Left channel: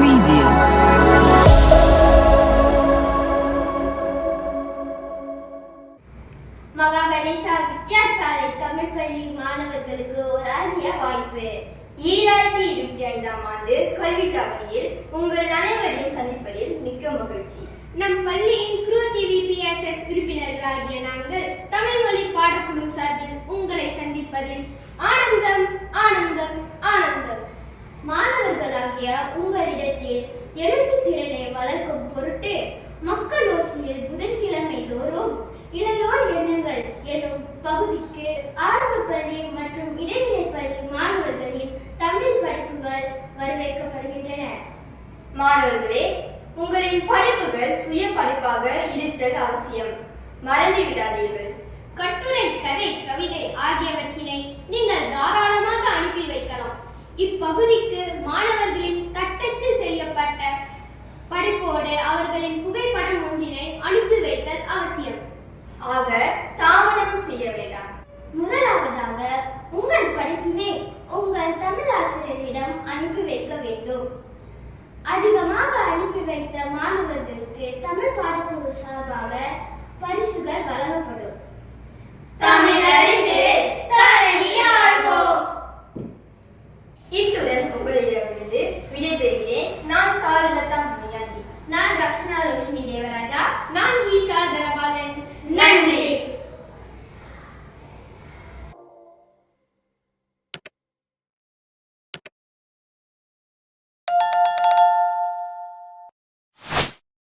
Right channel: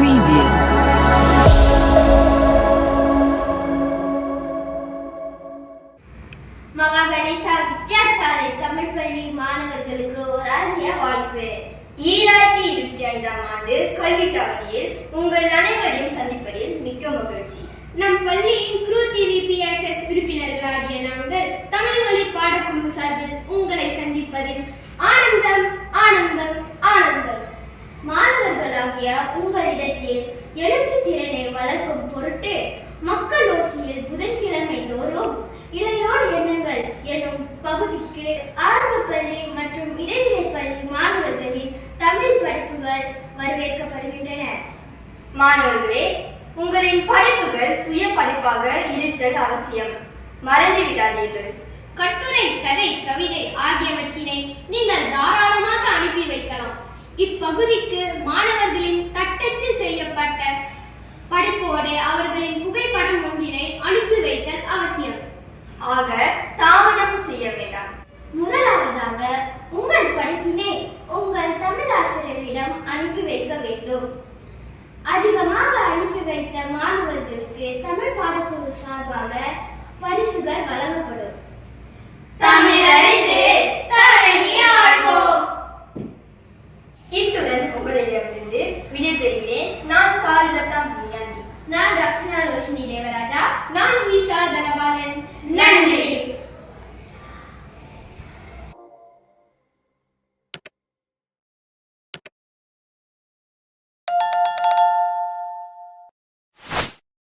Preview. மகா கணேசா வித்யாசாலை தமிழ் பள்ளி மாணவர்களுக்கு ஒரு அரிய வாய்ப்பு. 2025ஆம் ஆண்டு கல்வி தவணையில் உங்கள் அனைவரையும் சந்திப்பதில் மிக்க மகிழ்ச்சி. நம் பள்ளியின் குரு டிவிபிஎஸ்எஸ் உறுப்பினர்களாகிய நாங்கள் தமிழ் மொழி பாடக்குழு சார்பில் உங்களை சந்திப்பதில் ஆனந்தம் ஆனந்தம் ஆனந்தம். மாணவர்களாகிய உங்களிடத்தில் எழுத்து திறனை வளர்க்கும் பொருட்டு மக்கள் ஓசையில் புதன்கிழமை தோறும் இளையோர் எண்ணங்கள் எனும் பகுதிக்கு ஆரம்ப பள்ளி மற்றும் இடைநிலை பள்ளி மாணவர்களின் தமிழ் படிப்புகள் வரவேற்கப்படுகின்றன. மாணவர்களே, உங்களின் படிப்புகள் சுய படிப்பாக இருத்தல் அவசியம். மறந்து விடாதீர்கள். கட்டுரை, கதை, கவிதை ஆகியவற்றினை நீங்கள் தாராளமாக அனுப்பி வைக்கலாம். இப்பகுதிக்கு மாணவர்களின் தட்டச்சு செய்யப்பட்ட படைப்போடு அவர்களின் புகைப்படம் ஒன்றினை அனுப்பி வைத்தல் அவசியம். ஆக தாமதம் செய்ய வேண்டாம். முதலாவதாக உங்கள் படிப்பினை உங்கள் தமிழ் ஆசிரியரிடம் அனுப்பி வைக்க வேண்டும். அதிகமாக அனுப்பி வைத்த மாணவர்களுக்கு தமிழ் பாடக்குழு சார்பாக பரிசுகள் வழங்கப்படும்.